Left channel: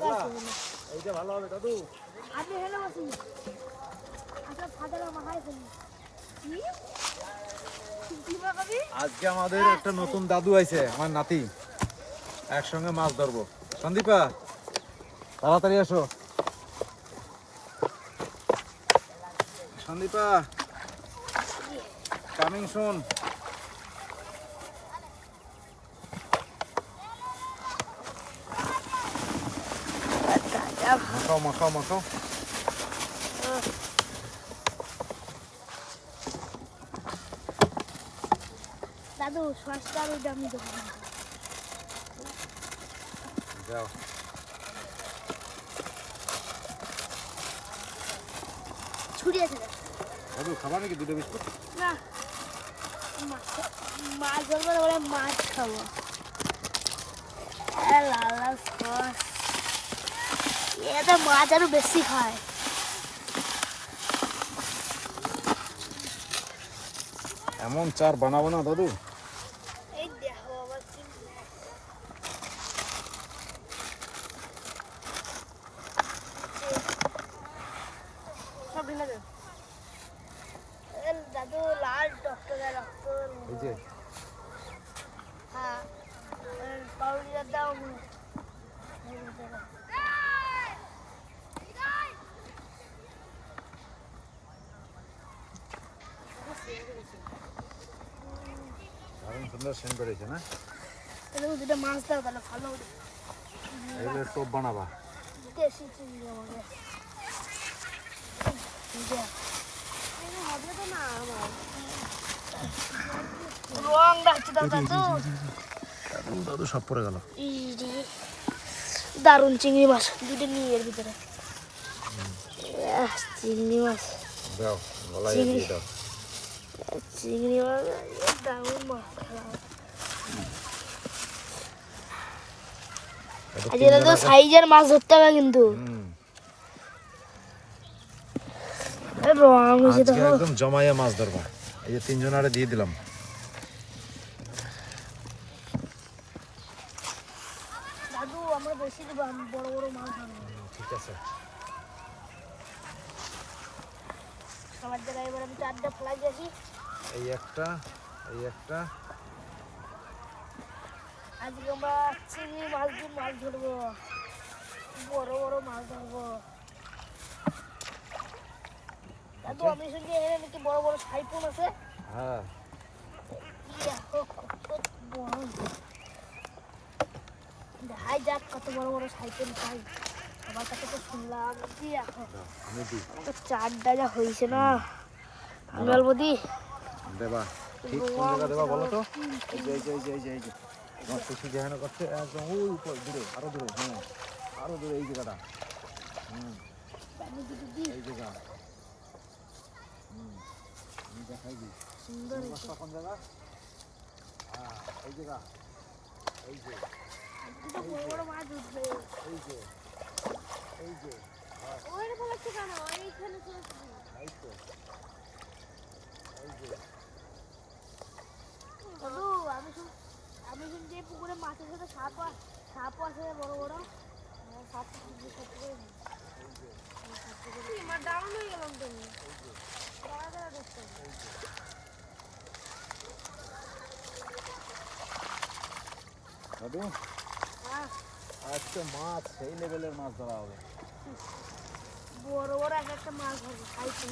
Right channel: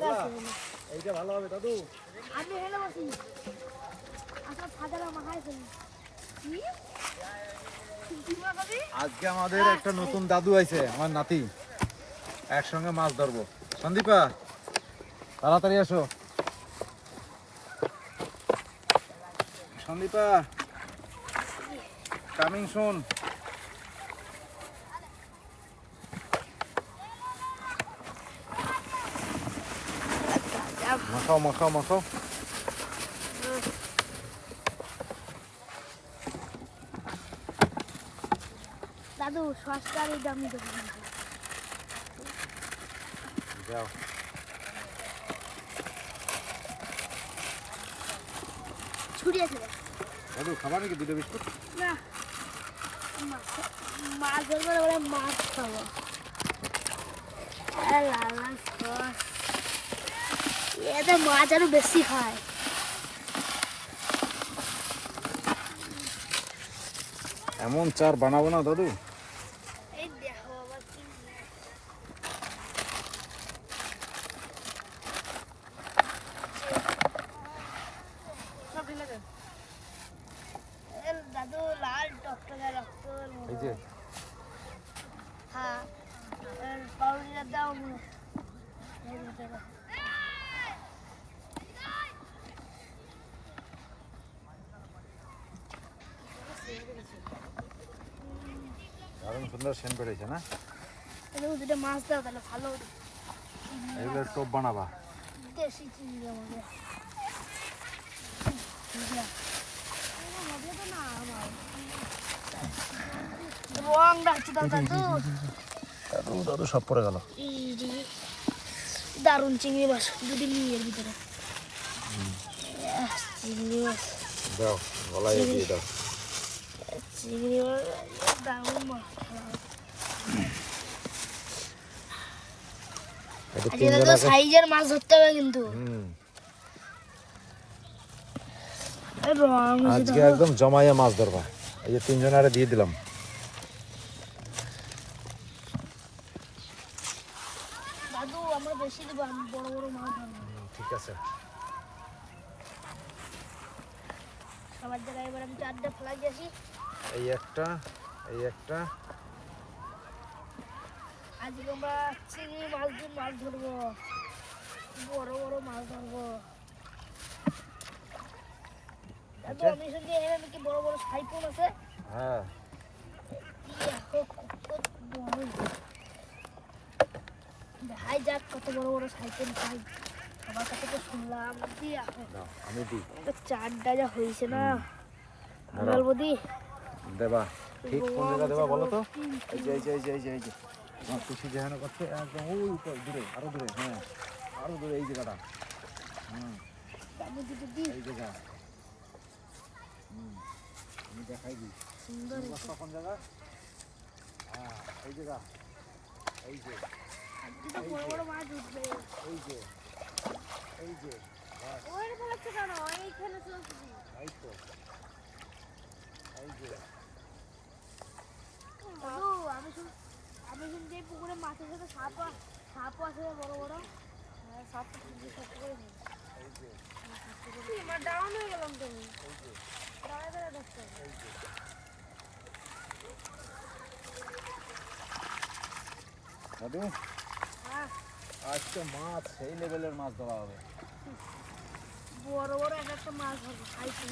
জায়গা আছে এইটা ভালো হবে দাদু। আমি হেলে বসি আচ্ছা ফাদার মাখাই ফেলি আজকে আমাদের একটা নতুন দাদু আইছে, আমার নাতি। একসঙ্গে মাছ ধরবো। সন্দীপা তাড়াতাড়ি আসো। সন্দীপা কামিং শুন। মাখাও মাখাও মাখাও। দাদু সস্তার দামি দোকান যাও। ছুরি আছে দাদু খাবার নাকি দুটো বিস্কুট? না মাছ ধরবো বলে মাছ খাবো। লাল লাল সস এটা মাছ আরো বেশি খায়। এমন চার বানাবো না দাদু। এই দেখো আবার কি সব ঢেলে দে। দাদু লাল টকটকে রক্ত। এই যে হ্যাঁ পাউডার দাও দারুণ সুন্দর সেন্ট বেরিয়েছে না? দুটো মাছ দাও তাহলে ভালো হবে। এগুলো টোপ বানাবা? দেশি চিংড়ি আমাকে রং রাখছে দাও দাদু। দাদু দাদু সব পড়ে গেল। দারুণ চিংড়ি মাছ দুদিন নিয়ে এর ভিতরে চিংড়ি মাছ দাও গলায় দিয়ে দাও। চিংড়ি মাছ দারুণ মাছ তো সাইজের মাছ ধরতে হবে কিন্তু রং আজকে একদম জমাইয়া মাছ ধরবা। এই যে তিনজন আরে দিয়ে দিলাম। দাদু আমরা বেশি দেবো, আমি বড় বড় মাছ ধরবো। ঠিক আছে। সবার জায়গায় এবার আমি 4টা ফেলাই দিয়েছি। এই একটা এই একটা। আজকে আমরা চিংড়ি মাছ দিয়ে মাছ ধরবো, বড় বড় মাছ ধরবো। দাদু আমি শুনছি এখানে নাকি বড় বড় সাইফোন আছে। হ্যাঁ দেখাই যাক কত বড় বড় সাইকেল পাই। সবার কাছে তো শুনলাম আমি দিই। আমাকে 4টা যা হয়েছে না অল্প দি দেবা। ঠিক কোন জায়গা দেবা বলো তো? এই যে এই যে এই যে এই যে এই যে আমার খুশি যেখানে করছে একদম ওই উপর দূরে, আরো দূরে। হ্যাঁ আরো দূরে এই জায়গাটা। আমি দুটো দিই এই জায়গা। আমি দেখাই দিই সুন্দর কোন জায়গা। হ্যাঁ এই জায়গা। এই যে আজকে তো বড় বড় মাছ উঠবে। এই যে এই যে ওইরকম একটু কেন এইখানে চলছে এই তো এই যে। দাদু আমি শুনছি এই পুকুরে মাছের সাথে সাপ আছে বড় বড়। সাপ আমার ডাউন হয়ে গেলাম তুমি দাঁড়া দাঁড়া ধরতে হবে। দাদু আজকে মাছ সেই লেভেলের মাছ ধরা হবে। বড় বড় একটা মাছ ধরবো খাইছি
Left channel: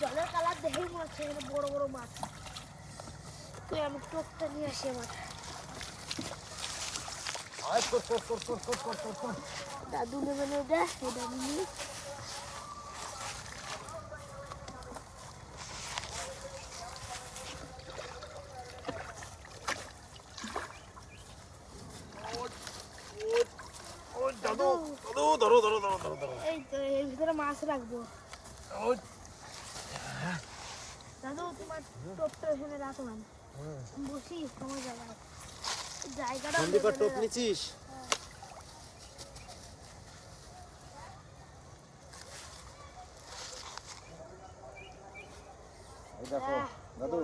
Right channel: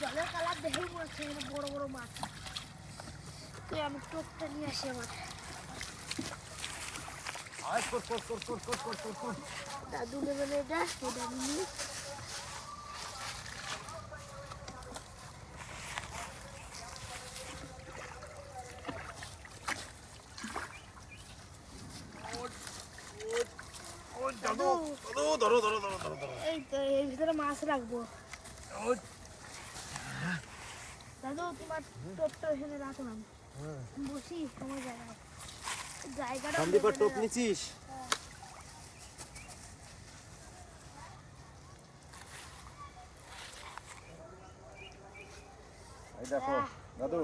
জলের কালার দেখেই মরছে বড় বড় মাছ। আমি টোপটা নিয়ে আসি আমার দাদু নেবেন এটা নিয়ে এই তো এর ভিতরে মাছ রাখবো। দাদু তোমার টোপটা এখানে রাখো না, বসি তোমার জায়গাটা সন্দীপের টোপ নিছিস? এই দেখো দাদু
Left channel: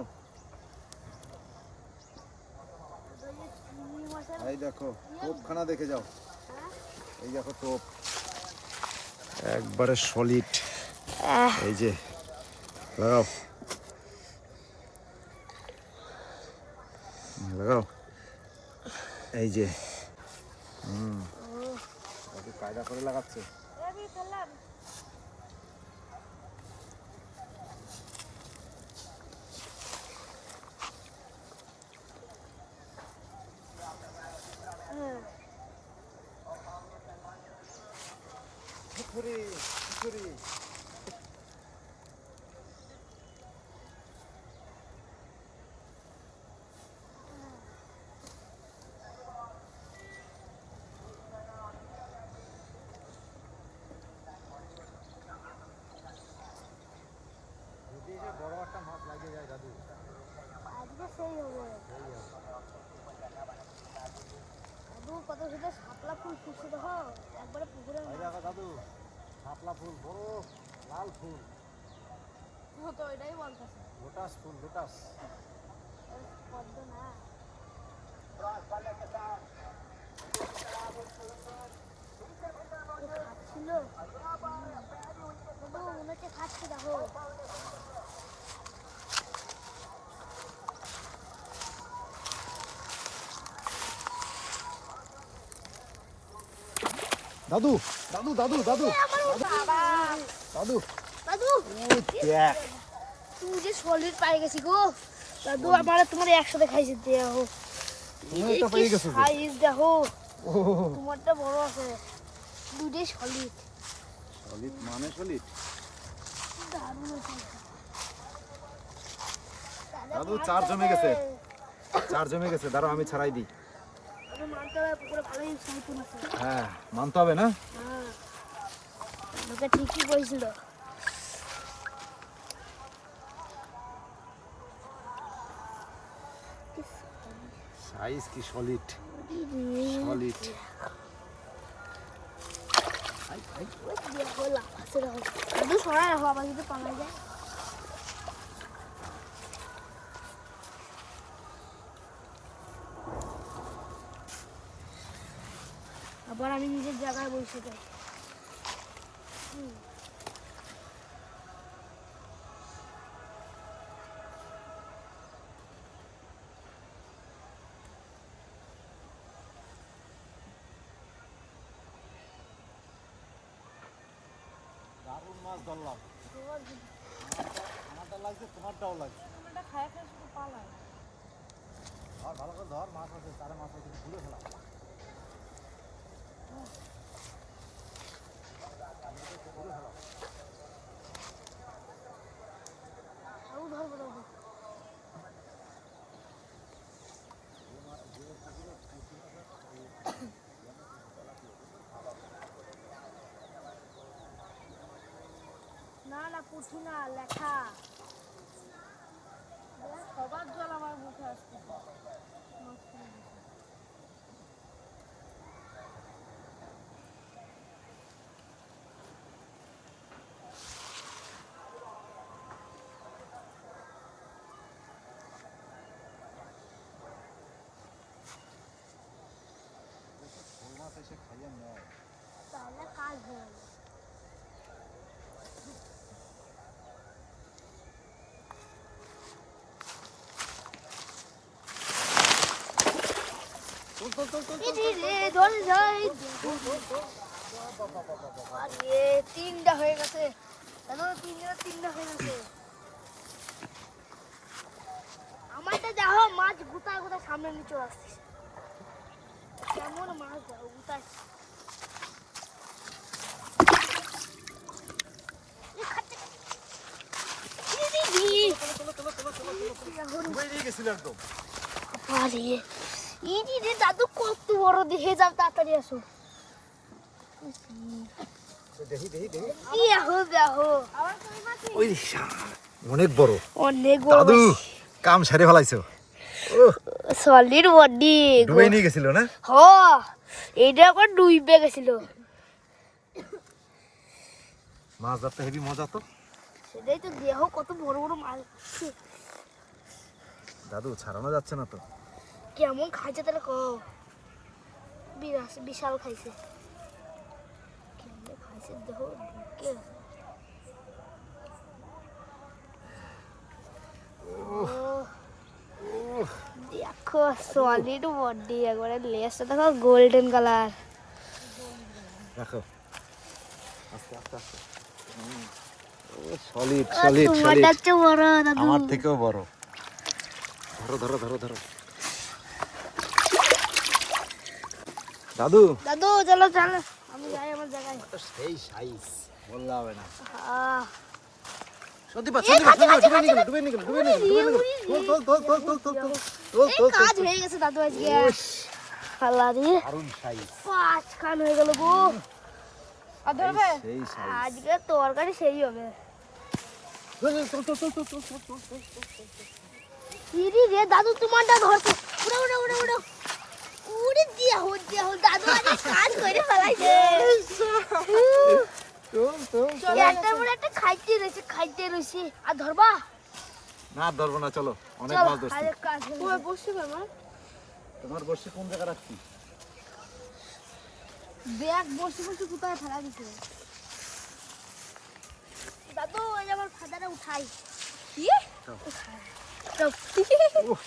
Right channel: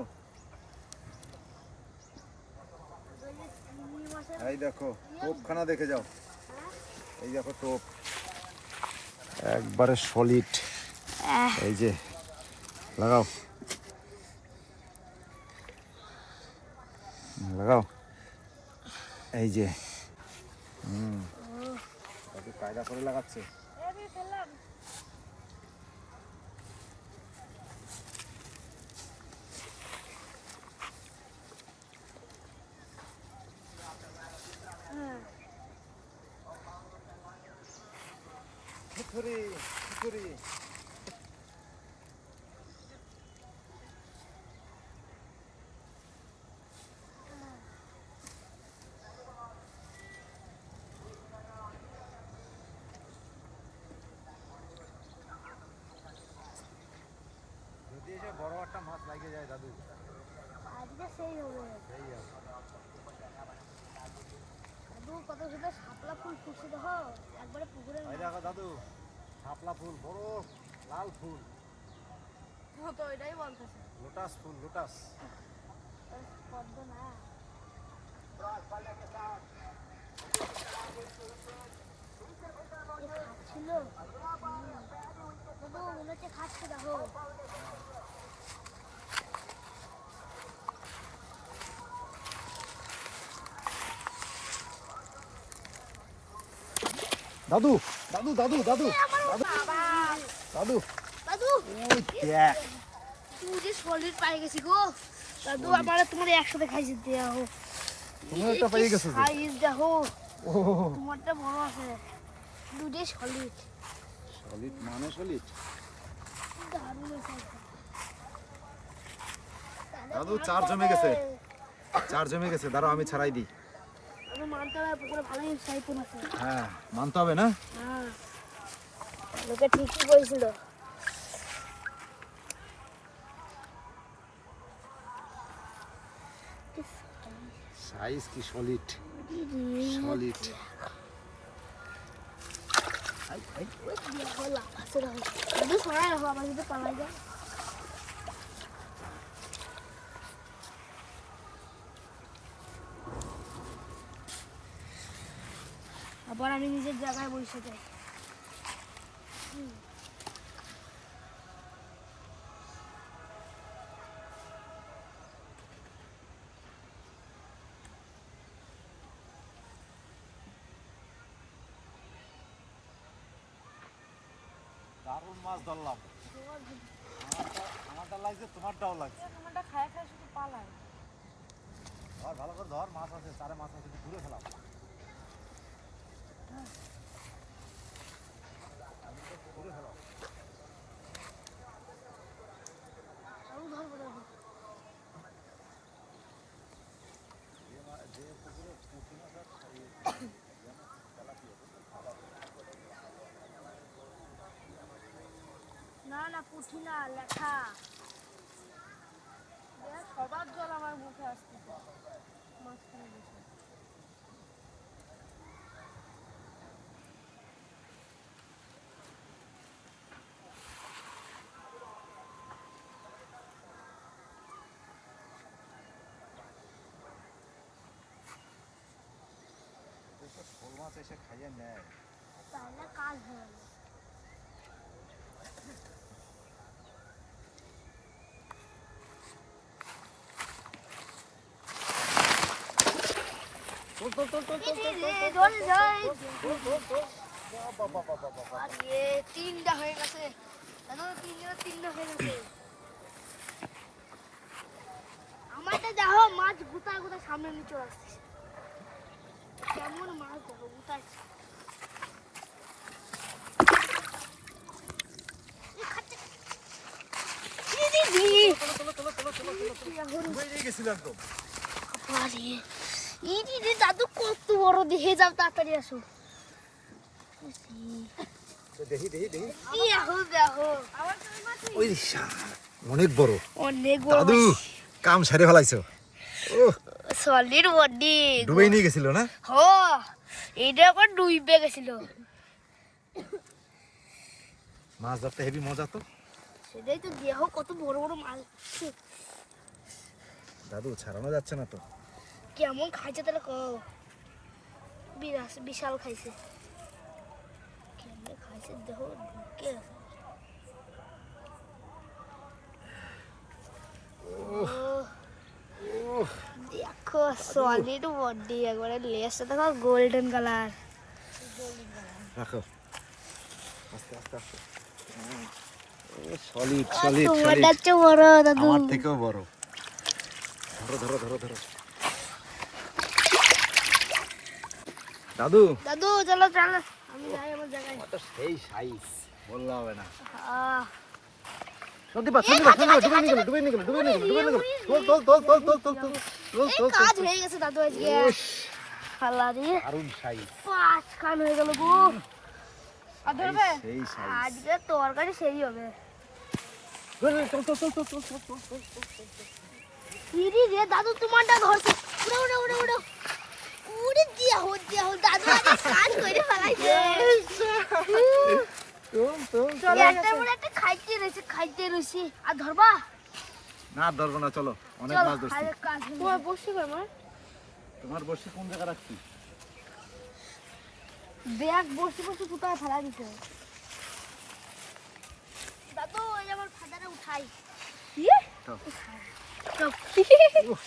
এই দেখো টোপখানা দেখে যাও, এই দেখো টোপ একবারে সলিড। এই যে লাগাও লাগাও, এই যে দাদু কায়দা করে লাগাচ্ছে। পুকুরি পুকুরি যদি এসে বড় একটা মাছ লাগিয়ে যায় দাদু, আজকে সেই হবে। সেই হবে। দাদু কত সুন্দর শাপলা ফুল ফুটছে দেখো, একবারে পুকুরে এই দেখো দাদু শাপলা ফুল, বড় লাল ফুল, তো এটাই বলতেছে লোটাস ফুল, লোটাস। পদ্ম না, খাচ্ছিল দাদু, মনে হচ্ছে খাচ্ছে দেখো। দাদু দাদু দাদু দাদু দাদু দাদু ওই দেখ, তুই যে সলিড পাই গেছি গো দাদু, আমার তোমার একসাথে খাইছি দেখো, তুমি একটা পেয়ে গেছো যে। সাইজ দেখো, ও তোমারটা বড় আছে, দুটোই সলিড, সলিড মানে সলিড। দারুণ হয়েছে। দাদু চার জমে গেছে, চার জমে গেছে, দাঁড়াও আমি ছাড়াই দিই। আমি মানতলা পুকুরে ভালোই সাইতুন আছে। হ্যাঁ মানতে হবে না। হ্যাঁ, লোকে ঠিকই বলছিল। সাইজ কি সলিড, সলিড। দেখো লাভ আছে দেখো, দাদু সরাই রাখো, আবার যদি পালা যায়। আবার আমি নিজের জায়গায় বসে যাই। দারুণ মাছ ধরলাম, আমারটা লাগছে, তোমারটাও লাগছে। তোমারটা খায় খায় শুধু পালায়। ধর ভালো করে ধর, মাছ আছে, চারে মাছ আছে, ঘুরে ফেলা। ঘুরে ফেলা। আরও ধরবো দাদু। না না পুঁঠি না, লেখা। দেখ সবার জল আমার মুখে আসতেছে মাঝখানে বসে। শোল মাছ এসে খাইয়ে নেয়। তাহলে কাজ হয়ে গেল। তিনটা হয়ে গেছে, তিনটা হয়ে গেছে। আমারটা দেখো মাছ গুতা গুতা সামনে নিচে আসছে, কেমন মাছ দেখো গুতায়। দাদু কত বড়, দেখে যাও তাড়াতাড়ি আসো। দেখি দেখি দেখি, দেখো দেখো ওই অনেক বড়, অনেক দাদু কাম সারে ফেলাইছো। সলিড বডি ডুবে নিয়ে গেছিল না? হ, এটা আবার ডুইবে গেছিল। মাছ ধরতে হেবি মজা তো। সেটাই তো, দেখো কত বড় বড় মাছ। দাদু ছাড়ানো যাচ্ছে না তো। কেমন খাইছে তাহলে কও। বিশাল খাইছে কেমনে খাইছে দেখো ঢুকে আছে। দেখো সলিড বডি একবারে লেজটা দেখো গোল্ডেন কালার। রাখো আস্তে আস্তে আস্তে সলিড সলিড তোমারটা চেয়ে বড় দাদু। আমার থেকেও বড়। ধরো ধরো ধরো ধরো দাদু। দাদু চলো চলো আমি যাই আমার জায়গায়। তো সেই সাইজ বললে হবে না। আহ, সত্যি পা সত্যি পা ডুবে নিয়ে গেল ডুবে নিয়ে গেল ডুবে নিয়ে গেল ডুবে নিয়ে গেল। তোল তোল তোল তোল তোল তোল তোল তোল কাজ হয়ে গেছে দাদু আজকে। আল্লাহ রে দারুণ সাইজ। পাঁচ খান হয়ে গেল গো। আর ধরবে সেই সাইজ। আজকে তরকারি সেই হবে। তোল তোল তোল তোল তোল তোল তোল তোল তোল। ইরি রে দাদু তোমারটা ধরছে। উড়ো উড়ো উড়ো উড়ে দিয়া হো দাদু আজকে কাজ করে ফেলাইছে। তোল তোল চলো একটা মনে একটা খাইতে রইছি আর ধরবা। না ধরবো না চলো অনেক চলো মাছ ধরছি। আরে কাজ হয়ে বসে আমার তোমার বসে কোন জায়গা রাখছি? ব্যাগ বসে কোথায় ফেলা দিতে দাদু এই আমার খাদাটা উঠাই কি উফ,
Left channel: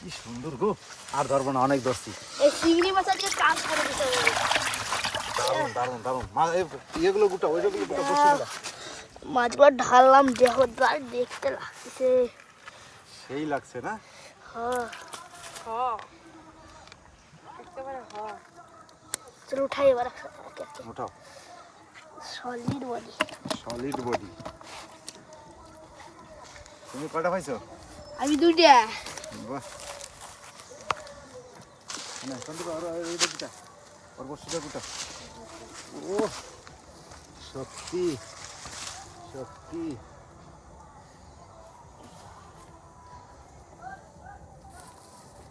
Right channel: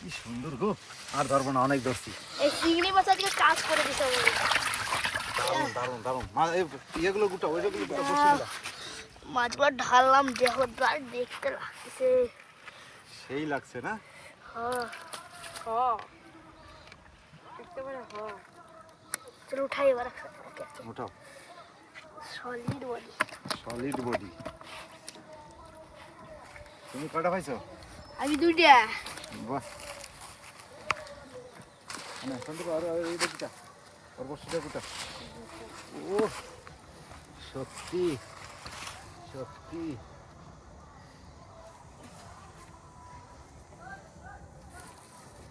কি সুন্দর গো। আর ধরবো না অনেক ধরছি। এই চিংড়ি মাছ আজকে কাজ করে দিতে হবে। দারুণ দারুণ দারুণ মাছ ইয়েগুলো গোটা ওইগুলো গোটা বসে গেলা। মাছগুলো ঢাললাম দেখো দেখতে লাগছে। সেই লাগছে না? চলো উঠাই এবার একসাথে ওঠাও। Solid body. Solid body. তুমি কয়টা পাইছো? আমি দুইটা। বাহ। না সন্দীপ আর এইটা গোটা ওর বসিটা গোটা। ও সত্যি সত্যি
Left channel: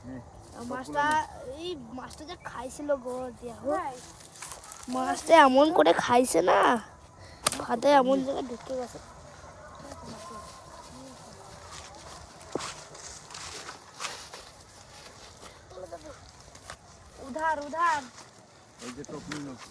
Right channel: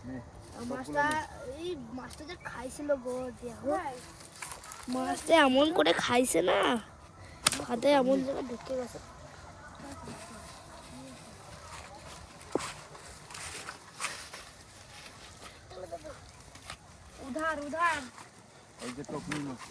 নে মাছটা এই মাছটা যা খাইছিল গো দেখো মাছটা এমন করে খাইছে না খাতে এমন জায়গায় ঢুকে গেছে। উধার উধার এই যে টপনি মাছ